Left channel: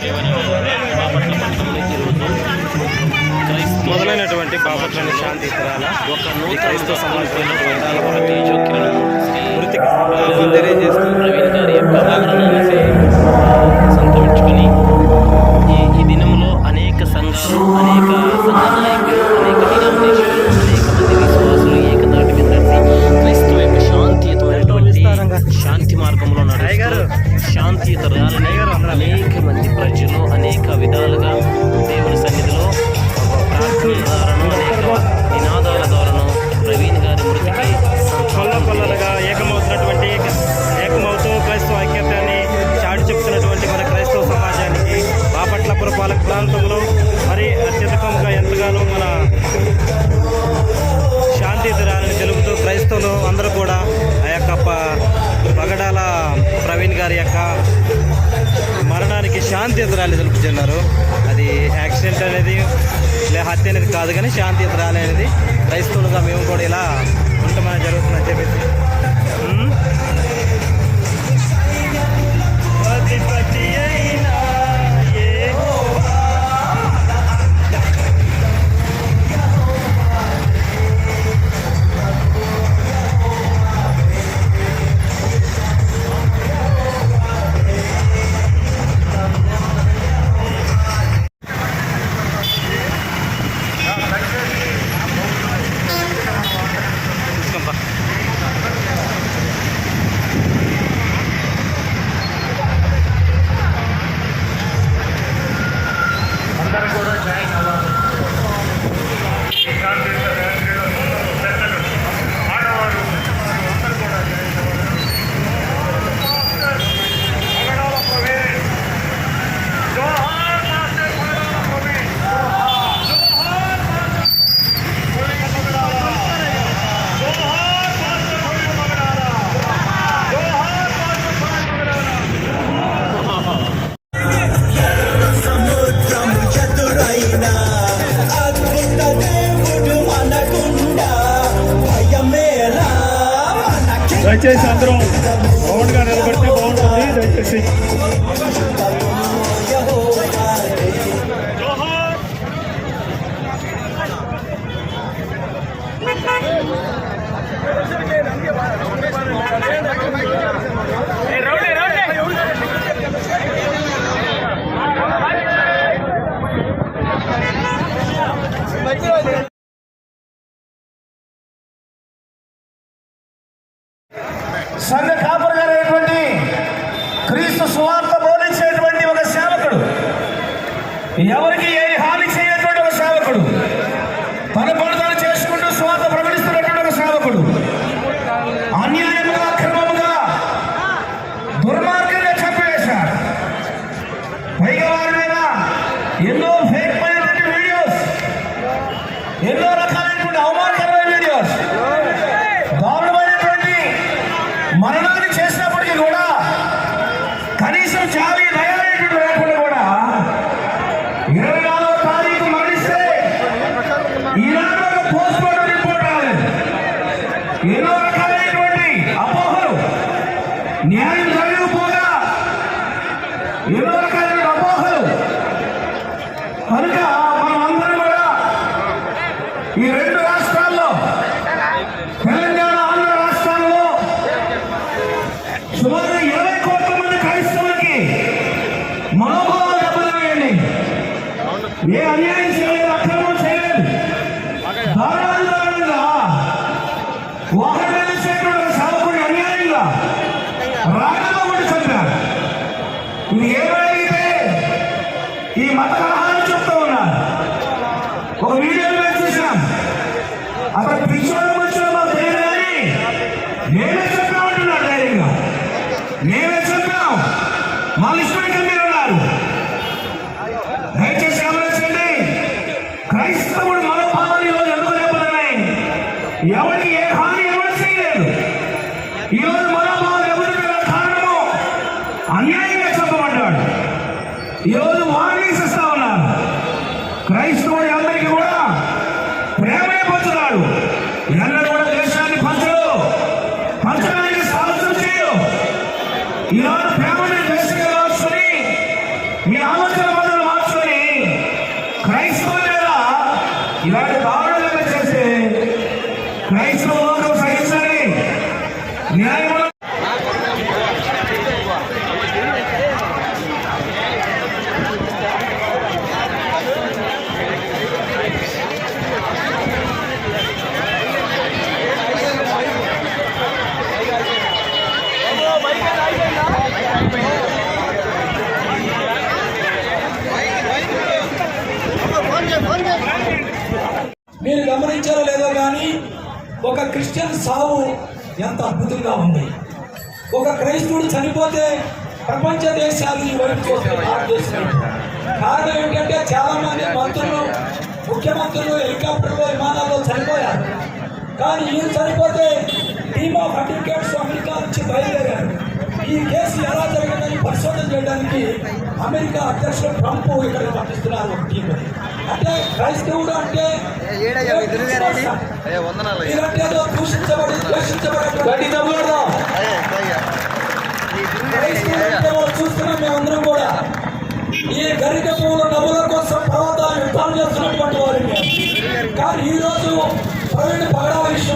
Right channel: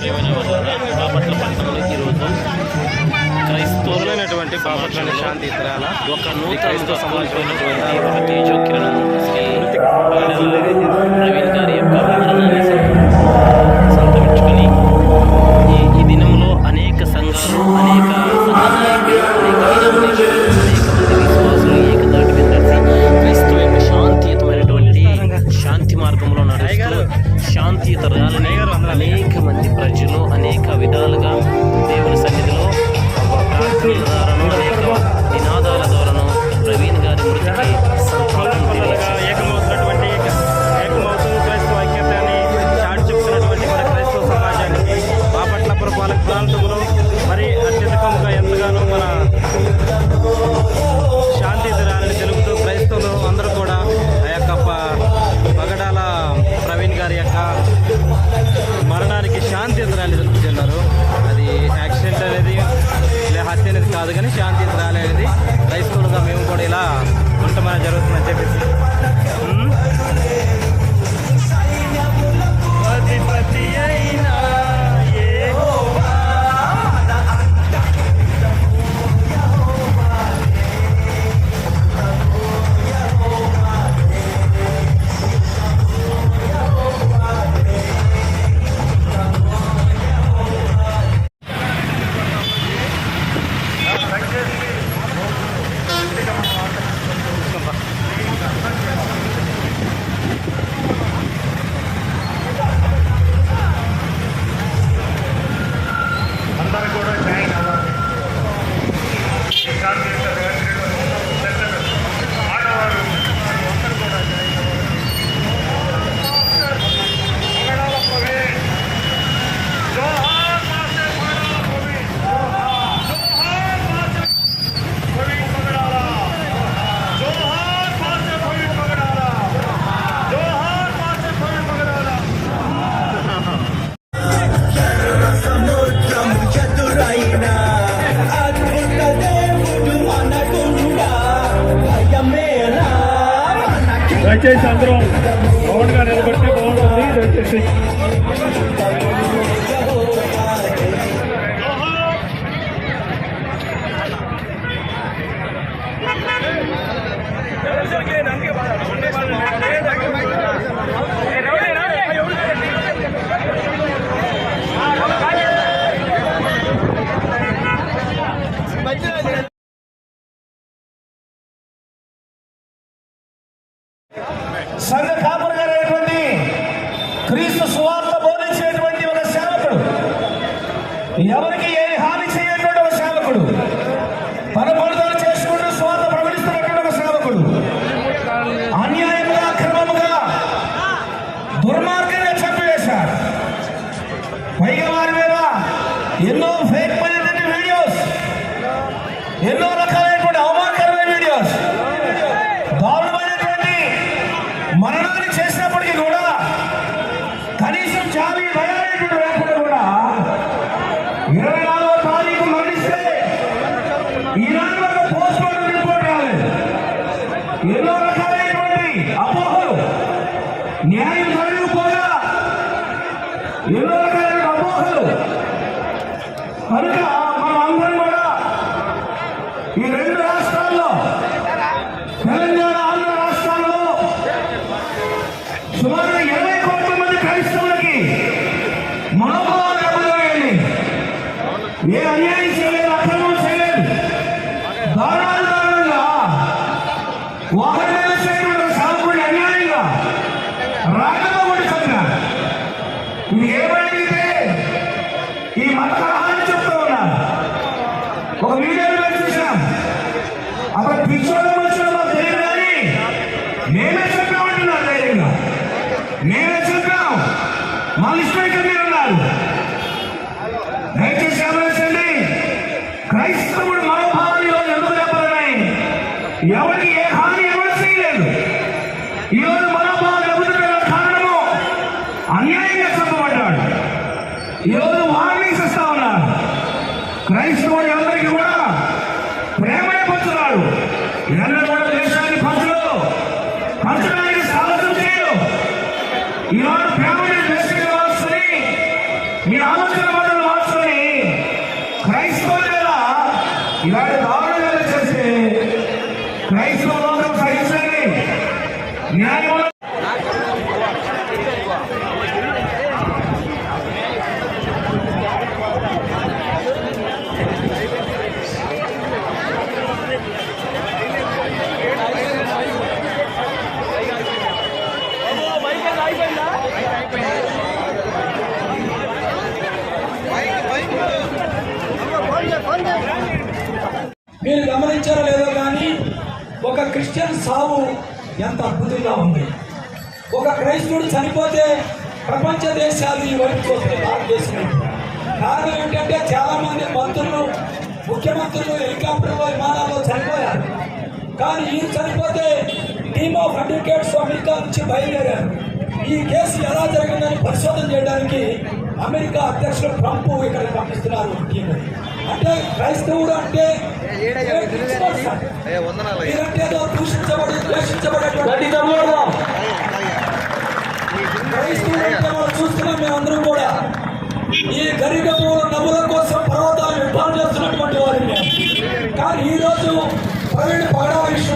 బాపట్ల పట్టణంలో ఈరోజు క్రైస్తవులైనటువంటి బాపట్ల శాంతి ఇతరాల ఒక నూతన సమాజమైనటువంటి తేజోకిరణం శ్రీ ప్రవీణ్ గారి యొక్క మరణాన్ని సంతరించుకొని ఈ దినంలో అనేక సంఘాలు, అనేక సంఘ నాయకులు, అనేక డినామినేషన్లు, అనేక మంది విశ్వాసులు ఏకదాటి మీద నడిచి క్రైస్తవ యొక్క శాంతియుతమైనటువంటి శాంతి మార్గంలో నడుస్తూ శాంతియుత ర్యాలీని అనేక మంది ప్రజలు అనేక విధాలుగా దేవుని సన్నిధిలో ప్రార్థనల ద్వారాను అనేక నినాదాల ద్వారాను ప్రవీణ్ గారి మృతికి సంతాపం ఏకమవుతున్నటువంటి ఏకమవుతూ క్రైస్తవ ఐక్యతని చాటి చెప్తున్నటువంటి మన క్రైస్తవ సమాజానికి బాపట్ల పురపాలక ప్రాంతంలో మరి అత్యధికంగా ఎంతగానో మన శాంతియుతరాలని తెలుపుతూ క్రైస్తవులు అందరూ కూడా ఆ యొక్క పగడాల ప్రవీణ్ గారి యొక్క మరణానికి శాంతియుతరాలు తెలుపుతున్నారు. అది యాక్సిడెంట్ అనేది హత్య అనేది కాదు, కానీ శాంతియుతరాలు అనేది క్రైస్తవులుగా మేము కూడా ఇలా ఉండమని జరుగుతుందని చెప్పేసి దయచేసి అందరం రౌండ్గా నిలబడితే బాగుంటుంది. దయచేసి సంఘ కాపురగారైనటువంటి క్రీస్తు సువార్త బోధించేటువంటి ఒక సేవకుడు, ఎవరికి ఏ హాని చేయటువంటి ఒక సేవకుడు, తన పనులు చేసుకుంటూ సువార్త ప్రకటిస్తున్నటువంటి ఒక సేవకుడు అన్యాయంగా క్రమముగా దుర్మార్గంగా చంపివేశారు. పైగా వారి మీద ఎన్నో ఫేక్ వీడియోస్, ఎన్నో రకాలైనటువంటి అవమానకరమైన వీడియోస్, దారుణమైనటువంటి మరణాన్ని చేసినప్పటికీ కూడా కనీసం చావి దయచేయడం లేకుండా కూడా 24వ తారీఖు నడిస్తే ఈనాడు ఒక పోస్ట్ మార్టం రిపోర్ట్ రాలేదు. ఎన్నో రకాలైనటువంటి అపోహలు, న్యాయం జరగకపోగా ఎన్నో రకాలైన అపోహలు. కనుక మనం అందరం కూడా ఈ రెండు రాష్ట్రాల్లో, తెలంగాణ ఆంధ్ర రాష్ట్రాల్లో సుమారు 20 కోట్ల మంది క్రైస్తవులకి మనోభావాలు దెబ్బతిన్నాయండి. ఏ అన్యాయం చేయలేదు, అక్రమం చేయలేదు, దారుణంగా వాహనాలు చేయడం సాధకుడి అన్యాయంగా రంగంలో పడి చెప్పారు. ఇది ఏమైతే ఈ మత కలహాలు చెప్తూ ఉన్నారు. ఒక వీడియోలో చూసాం, అక్కడ పిచ్చోళ్ళం వచ్చిన మాకు తెలియదు, కానీ మేమే చెప్పామంటున్నారు ధైర్యంగా. మేమే చెప్పాం, మా ఇష్టం ఉన్నారు. దయచేసి ఆలోచించండి, క్రైస్తవుడు మనోభావాలు ఎందుకు దెబ్బతిన్నాయి? ఎవరికి ఏ హాని ఎవరు చేయలేదు. ఈరోజు మనోభావాలు ఎదురు కారణం అన్యాయంగా చెప్పబడ్డాడు. ఈరోజు వార్నింగ్స్ ఇస్తా ఉన్నారు. క్రైస్తవుడు అందరికీ కూడా ప్రేమే పంచుతాడు. ఎన్నడూ కూడా దేశాన్ని పంచడానికి సాహసం చేయదు. ఈరోజు ప్రేమని దేశంగా వస్తుంది. మీ ఆలోచనలు మార్చుకొని క్రైస్తవుల మీద ఇలాంటి దారుణాలు చేస్తే క్రైస్తవ లోకం సహించండి. న్యాయం మీరు గమనించారో లేదో కానీ ఒక క్రిస్టియన్ సావు ఎంత అద్భుతంగా ఉంది. ఒక క్రైస్తవుడు చనిపోతే ప్రపంచ దేశాలు ఈ వైపు చూస్తే భారతదేశం వైపు. కారణం ఏంటంటే చాలా మంది మంత్రులు, ముఖ్యమంత్రులు హెలికాప్టర్లో విమానాల్లో చనిపోయారు. కానీ ఈయన చనిపోతే టీమ్ ఆఫ్ అడ్వకేట్స్ అమెరికా నుంచి బయలుదేరారు. ఈ కేసు ఎలా జరిగిందని పరిశోధన చేయడానికి అమెరికా అధ్యక్షుడు ట్రంప్ ఇక్కడ పంపిస్తున్నారు టీంని. అంటే క్రైస్తవుడు అంటే మీరంటే ఏదో దూషించబడి క్రైస్తవుడు అంటే మనం చూస్తున్నాం. మేమందరం కూడా ఈ గరిక పువ్వుల నవ్వుల కోసం పర్వతాలు యుద్ధాలు చేస్తున్నటువంటి వారు మేము. కానీ ఈరోజు ప్రవీణ్ పగడా విషయం